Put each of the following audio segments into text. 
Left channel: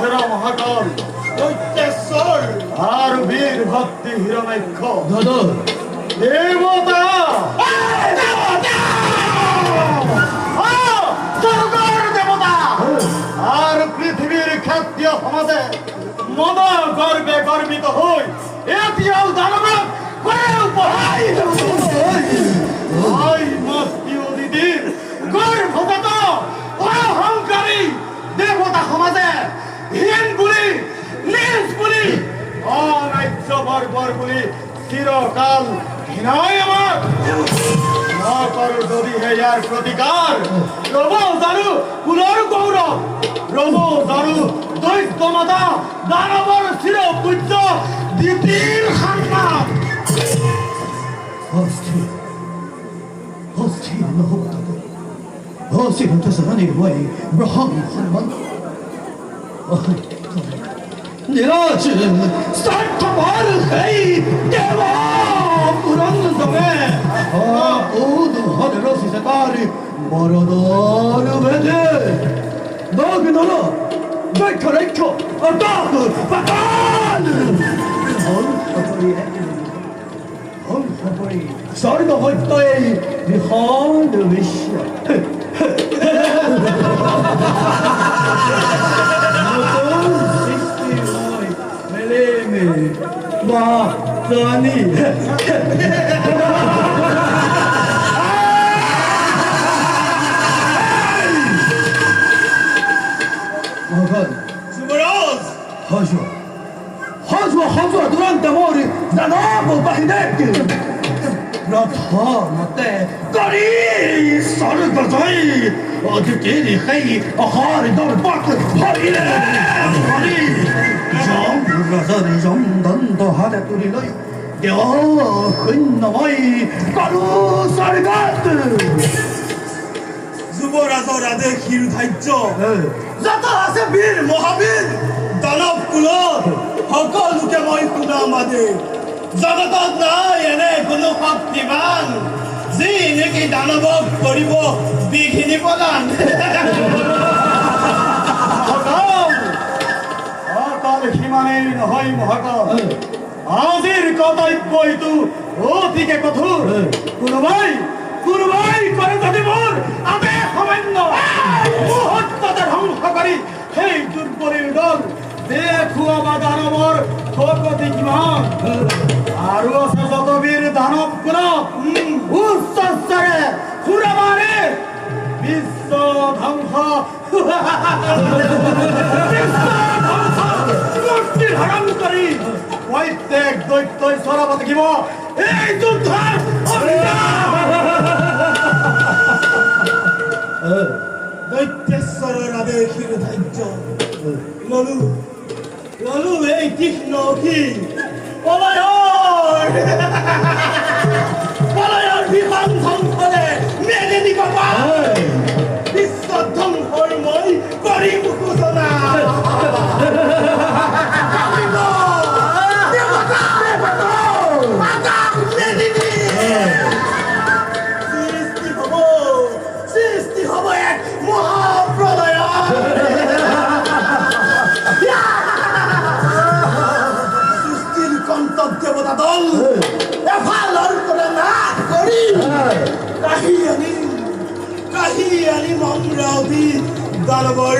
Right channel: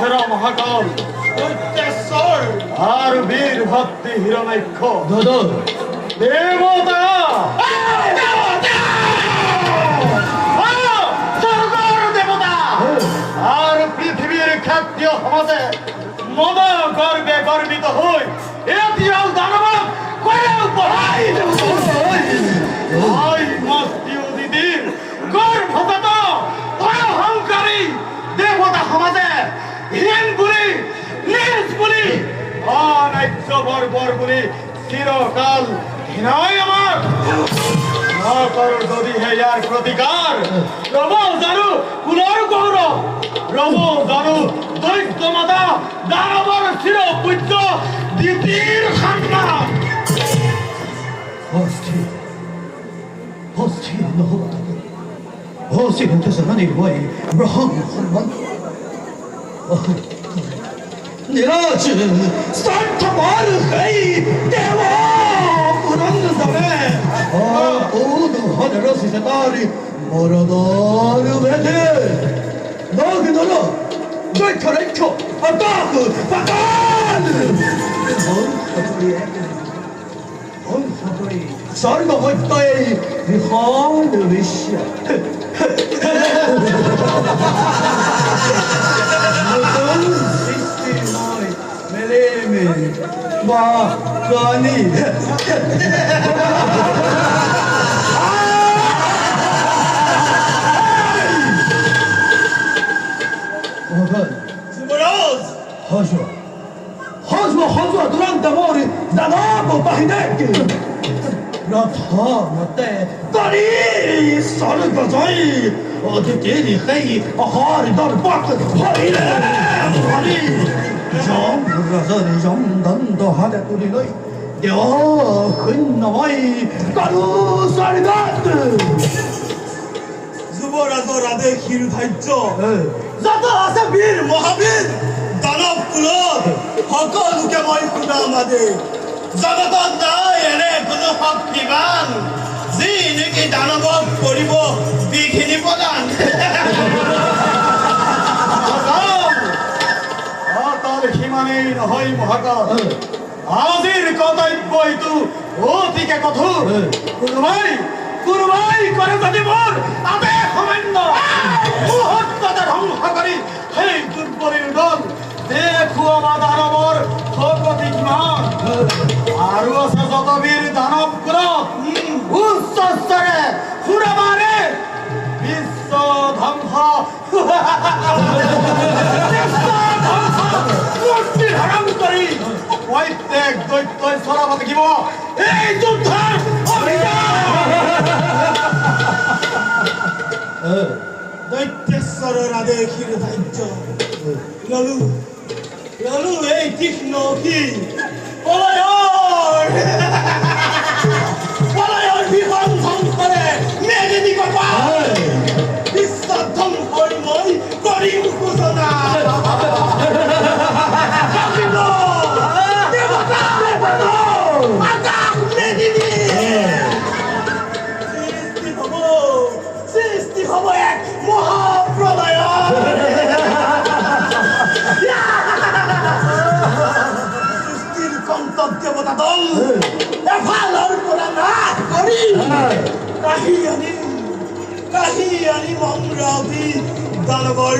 হেরা মহাকাল দৈত্যেশ্বর আর বীর ভক্তি হিরণাক্ষ দাদা দেবতা দেবতা আর পৃথিবীর খাদ্য সমাজে মদ গর্বে গর্বিত হই এতিয়াও দানব দিদির গর্ভগত অহংকারী দেবতা সমাজে হীন বুলি নিজ বুলি অনার্য বর্বর বুলি চিরকাল ঘৃণাই আমার না করো যদি হে ইয়ার প্রতিকার রব জানু কুলর গৌরব রব জানু দৈত্য মাতা দানবর চির পূজ্য দিদির সন্তান 어스티 너무다 어스티 못해서 하니 와이 브라함 한만 니라지 산타마르 헤이 대와 불안는 다음에 오도 하늘로 세상이 멀어도르 베데 너기 너로 너희 카레이켜 아따그 바탈 Sarga hattay vihan vishya. Mutum sisti mai meleme va kani. Bakan. Subaroz Hazwa. Hazwa durante amore danabo bahidek. 나타났대 딸이 썰을 거저이 어디들이 헤이 아하리 너를 빡고 허리래 허리 좀 불러서 좀 던더 하대 뚜리 너이 여 흔나마이 까루 썰이 같드 যুবরাজরাধে ক্ষীর ধার্য যত আছে বীর মহাবীর দানব কুলত সকলোকে মই শুনা আমাদের জগতত নাই এনে কোনো শক্তিবান যি নেকি দানৱক কৰিব বিঘিনি প্ৰদান অকাল সীমানেই নহয় মহাকাল আজিৰ কৰ্তব্য এইটো অতিকে কঠোৰ কোনোবাই কৰে যদি মোৰ আদেশ অমান্য মুহূৰ্ততে ধ্বংস কৰি সেই দুৰ্বলীৰ দল দেখুৱাবা দানৱৰ শক্তি কিমান আৰু আছে যত বীৰ দানৱ কুলত উচ্চ স্তৰে সুৰবাৰে বিশ্ব ধ্বংস মূৰ্তি ধাৰণ কৰি প্ৰত্যেক দৈত্যই চলাব লাগিব এই যুদ্ধৰ দৈত্যেশ্বৰৰ আদেশ ক্ষীৰ ধাৰ্য ললু এই তীক্ষ্ণ কি পলায়ৰ বিমান ধ্বংসৰে মেদিনী কপাল বিশ্ব ধ্বংসৰ মই কৰিম সূচনা সৃষ্টি হব এক মহাপ্ৰলয় দেবতা দল এফালৰ পৰা নাশ কৰি কাহি আনি মংৰাবি দানৱৰ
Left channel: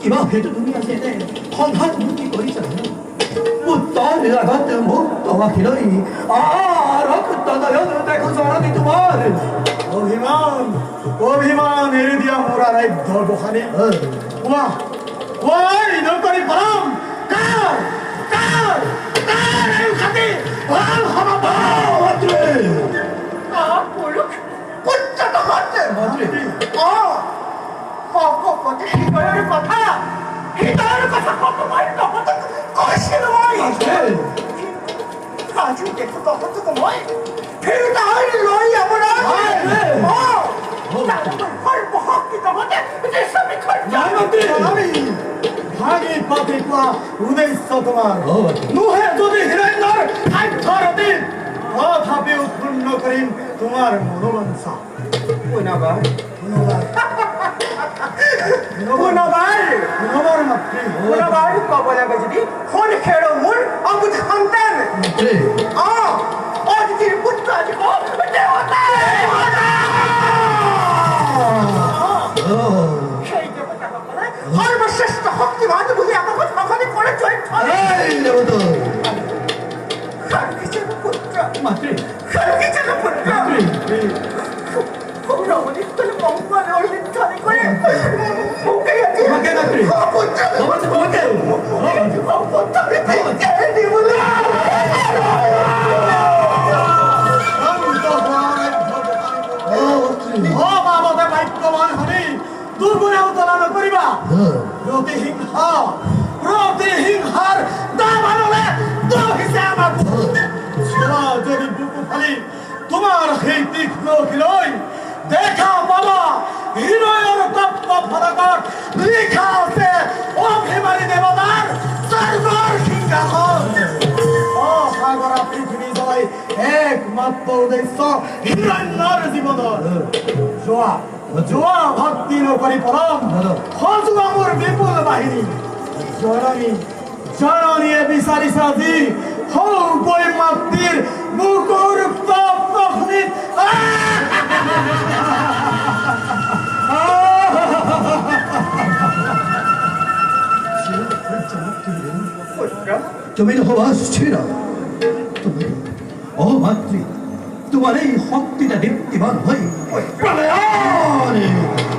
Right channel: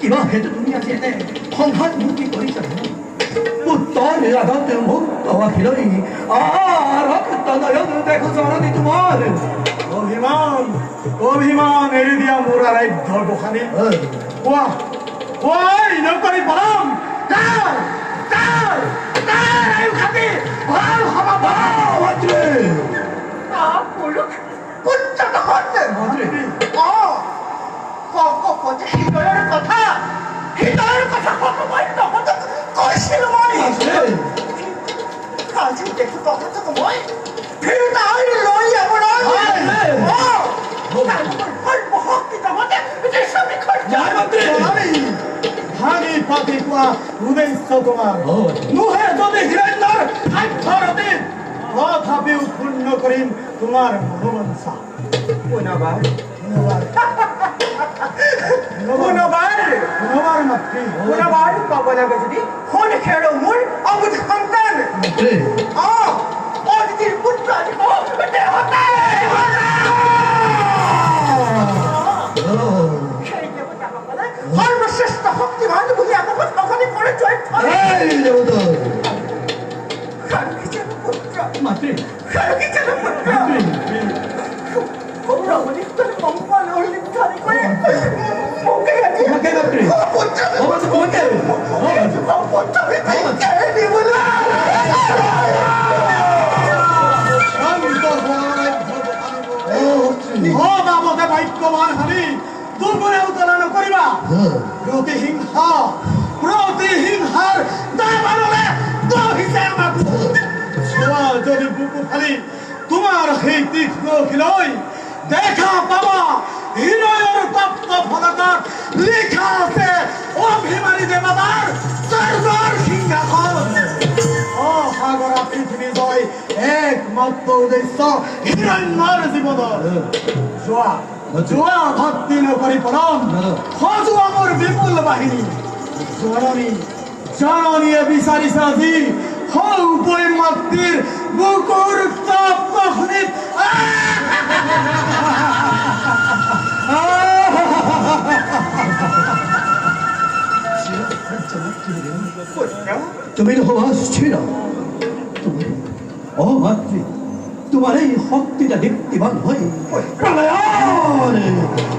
কিবা সেইটো তুমি আজি এনে সংঘাত মূৰ্তি কৰিছা উত্তৰ নিৰাঘাত মুক্ত আখিলৈ নয়ন দেখো জনানি তোমাৰ অভিমান এৰি দিয়া মোৰ আৰাধ্য গোসানী কোৱা নকৰি পৰম পুত্রটা হচ্ছে কত হৃদয়ের কথা কত বলতো কইছিল মই কাজু দেখো কত তো মই হৃদয় লই আমরা ভাগি পাতি কোৱা উদ্দেশ্য তোমাৰ নোহে যদি হিৰণ্যৰ সাধ্যৰ অতীত তথাপিও পূৰ্ণ কৰিম তোমাৰ মনোবাঞ্ছা পুনবাৰ মাতৃ পুনবাৰ ক'ব লাগে যদি শুন খেৰ মোৰ অবুধ সন্তান অদিতিৰ পুত্ৰ সৰ্বশ্ৰেষ্ঠ শক্তিমান বুলি আমাক সখনে কৰে চৰিত্ৰ পুত্ৰ মাতৃ পুত্ৰ রমণীর মঙ্গল অর্জিত করে মুখে গেছে ভাগ্যবান হলি দুর্গুণে উত্তোলন করিবা প্রতিহিংসার দাম আনলে যদি বুকু ফালি তোমার সেই তীক্ষ্ণ খিলই দেখা পাবা হৃদয়ের তপ্ত ফলকত লিখা আছে অভিমানী দেবতার স্বর্গর সিংহাসন অসাগরা পৃথিবী জয় একমাত্র উদ্দেশ্য হিৰণ্যৰ জীৱনৰ যোৱা ভক্তি নকৰি পৰম সজোৱা মোৰ বিপুল বাহিনী জননীয়ে বিচাৰিছে আজি সৌপৈ মাতৃৰ বুকুৰ তপ্ত খনিত তুমি হওয়া স্থির ও মাতৃ তোমার এই শক্তিটা দীপ্তিমান হই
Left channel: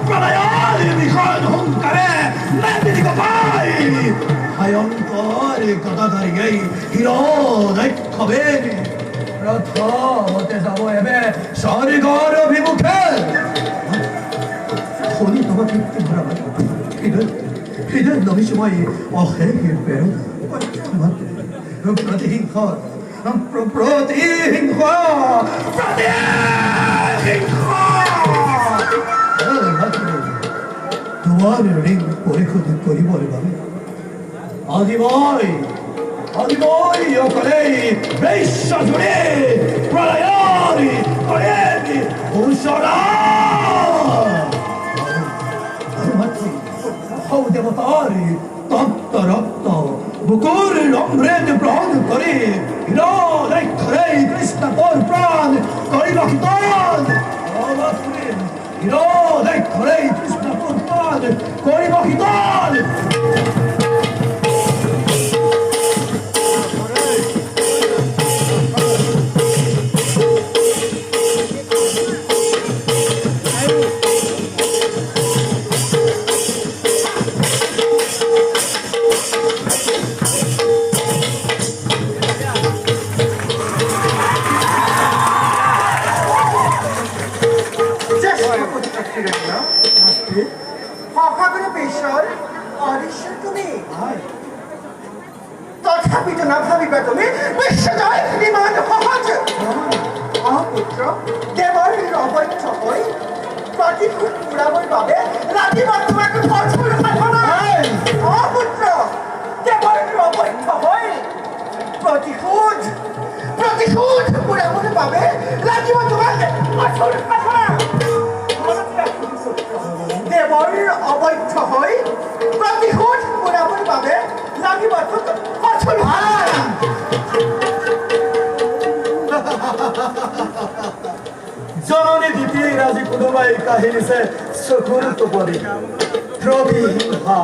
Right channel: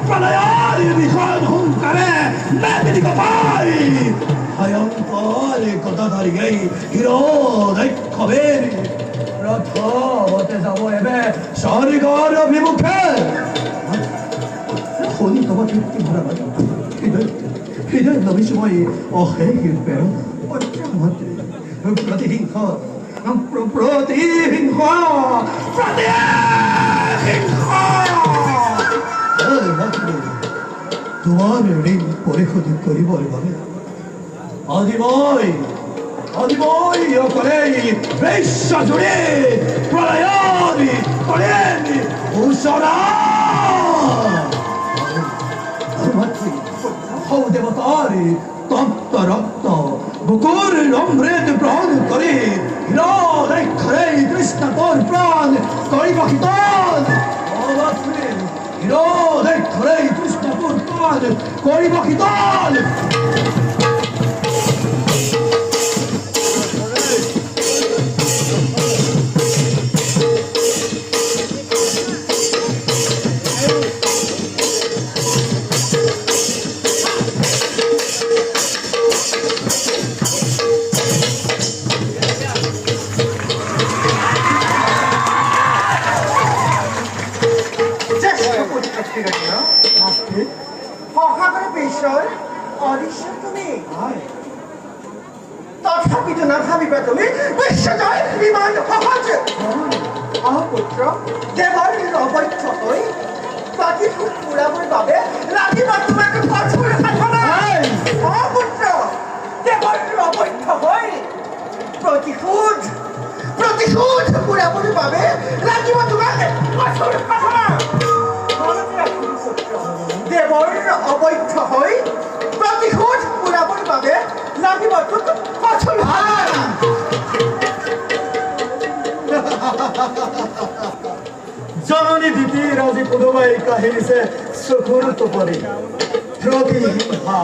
প্রলয়ারে বিষয় অহংকারে মেদিনীকে পাই ভয়ঙ্কর গদাধারী এই হিরো দৈক্ষবের রথ হতে যাব এবে স্বর্গর অভিমুখে শনি তোমার দীপ্তি ভরা হৃদয় নমিসময় অশেষ প্রেরণ প্রতিহিংসা তোমার ঋণ পরিশোধ করিবার বাবে আদিময় অকলে বিশ্ব জুড়ে প্রলয় করে ঘোষণা হৌ দেবতার তত্ত্ব রক্ত বুকুর অমৃত প্রাণ করে হৃদয় খরে কৃষ্ণ তোর প্রাণ করি বাকিতান হৃদয় খরে কৃষ্ণ তোর প্রাণ করি বাকিতান তথাপিতো নাভাবিবা তুমি বিশ্বজয় ইমান সহজ পুত্ৰ দেৱৰ অবৈধ হৈ প্ৰতিশোধ পুৰাবৰ বাবে ৰাতিবা তোমাক কঠোৰ সাধনা পুত্ৰ দেৱৰ অবৈধ হৈ প্ৰতিশোধ পুৰাবৰ বাবে ৰাতিবা তোমাক কঠোৰ সাধনা দেৱৰ অবৈধ হৈ প্ৰতিশোধ পুৰাবৰ বাবে লাগিব কঠোৰ জননী দ্বিতীয় আজি কোনোবাই কাহিনীছে চকুৰ টোপনি প্ৰতিহিংসা